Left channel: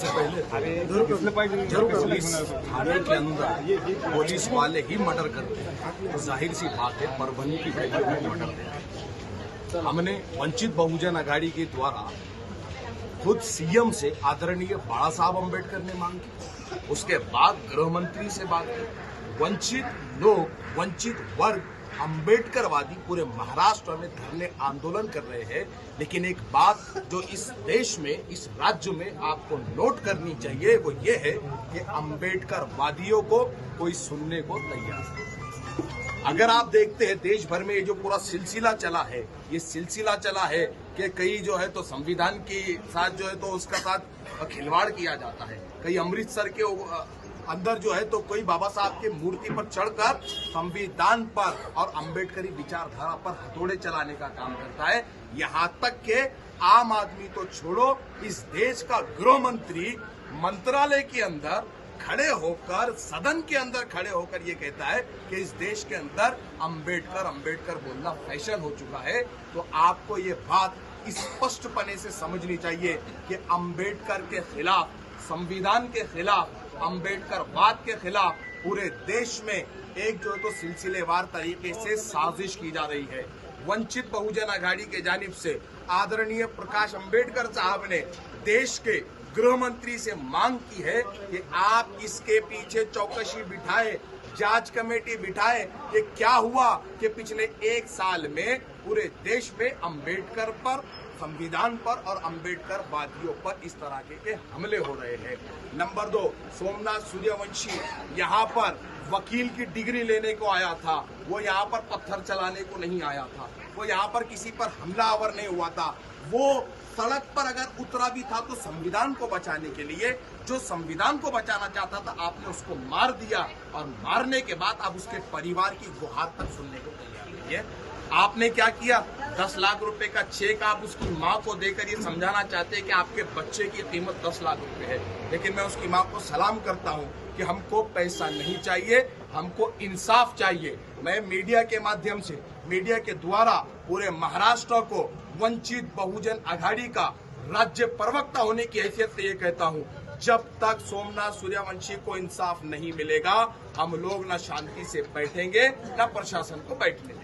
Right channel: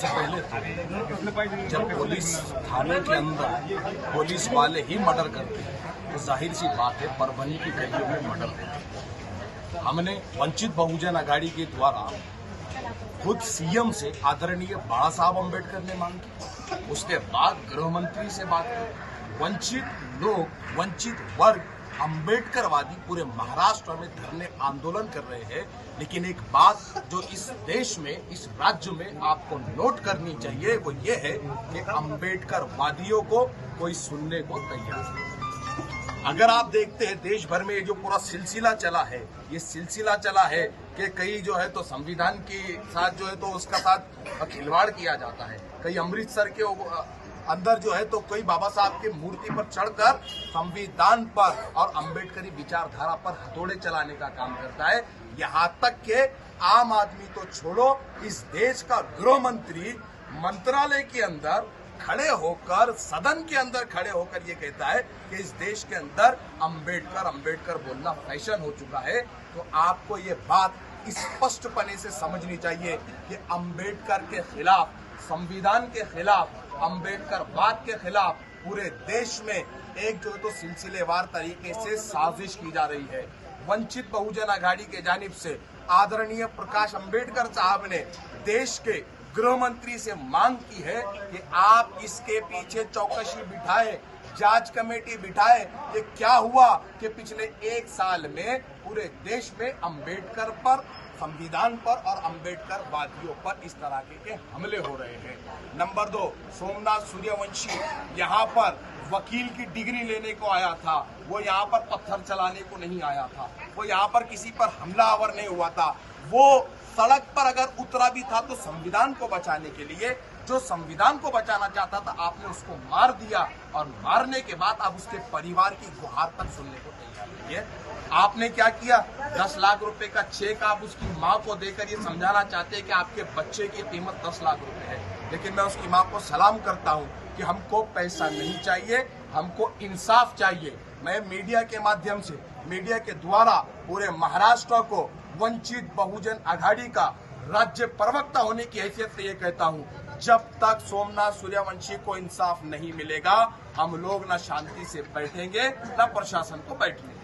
सबसे पहले जब पुलिस थाने के अंदर पुलिस वाले ही मर्डर करते हैं तो जाहिर सी बात है परभनी की गलियों में मर्डर होता है। हमने वंचित बहुजन आघाड़ी के द्वारा खुद सीएम से आदरणीय बाला साहब अम्बेडकर ने मांग की, उसके बाद गृह मंत्री से बात की। वंचित लोग, वंचित वर्ग अम्बेडकरवादी पूरे महाराष्ट्र में धरने आंदोलन कर रहे हैं। लेकिन एक बात जो इस देश में, इस राज्य में आपको नोट करनी चाहिए वो ये है कि अम्बेडकरवादियों को कोई सुनने को तैयार नहीं। अगर आप देखते हैं देश भर में ये जो पूरा सिलसिला चला है, ये सिलसिला चला है कि कई जो है तो संविधान के साथ जो है तो उसका साथ खिलवाड़ किया जाता है। कई अमृतसर के अंदर जो है तो कोई बाबा साहब की मूर्ति पर चढ़कर संविधान पर और अम्बेडकरी विचारधारा पर हथौड़े चलाने का काम करता है। यहाँ तक के आम आदमी तो छोड़ो, इस देश का गृह मंत्री मंत्रालय के अंदर खड़े होकर, सदन के अंदर खड़े होकर ये कहता है कि इस देश के अंदर अम्बेडकर बोलना फैशन हो चुका है। तो आपको ये बात स्पष्टपने से समझनी चाहिए कि अम्बेडकर के खिलाफ, संविधान के खिलाफ, अम्बेडकरवाद के खिलाफ पूरे देश में एक जो है तो सिलसिलेवार तरीके से साजिश की जा रही है। वंचित बहुजन आघाड़ी के जानिब से आदरणीय प्रकाश अम्बेडकर साहब ने देश के गृह मंत्री से मांग की है कि आप इसके पीछे चौकसी बिठाए, जांच कमेटी बिठाए। ये क्या हुआ कि पिछले एक साल में पूरे देश में अम्बेडकर पर, संविधान पर और अम्बेडकरवादियों पर इस तरह के हमले हो रहे हैं। नंबर 2, सोमनाथ सूर्यवंशी यहाँ पर वकील की डिग्री लेने को आया था, वो यहाँ पर पत्थर चलाने को नहीं आया था, वो यहाँ पर किसी पर हमलावर नहीं हुआ था। वो सड़क पर अगर उतरा भी था तो संविधान को बचाने के लिए। जो संविधान को बचाना चाहता था आपने उसको मार दिया, और मारने के बाद आप उसके परिवार की गुहार तक सुनने को तैयार नहीं है। आपने क्या किया, 10 लाख रुपए का चेक आप उसकी मां को देकर ये समझाना चाहते हैं कि आपके बच्चे की कीमत 10 लाख रुपए है। लेकिन मैं उसकी मां को सलाम करता हूं कि हमको पैसा नहीं चाहिए, हमको इंसाफ चाहिए। मैं मीडिया के माध्यम से, मीडिया के द्वारा पूरे महाराष्ट्र को वंचित बहुजन आघाड़ी का राज्य प्रवक्ता होने की हैसियत से ये कहता हूं, जब तक सोमनाथ सूर्यवंशी को इंसाफ नहीं मिलेगा हम लोग न शांति से बैठेंगे न प्रशासन को बैठने देंगे।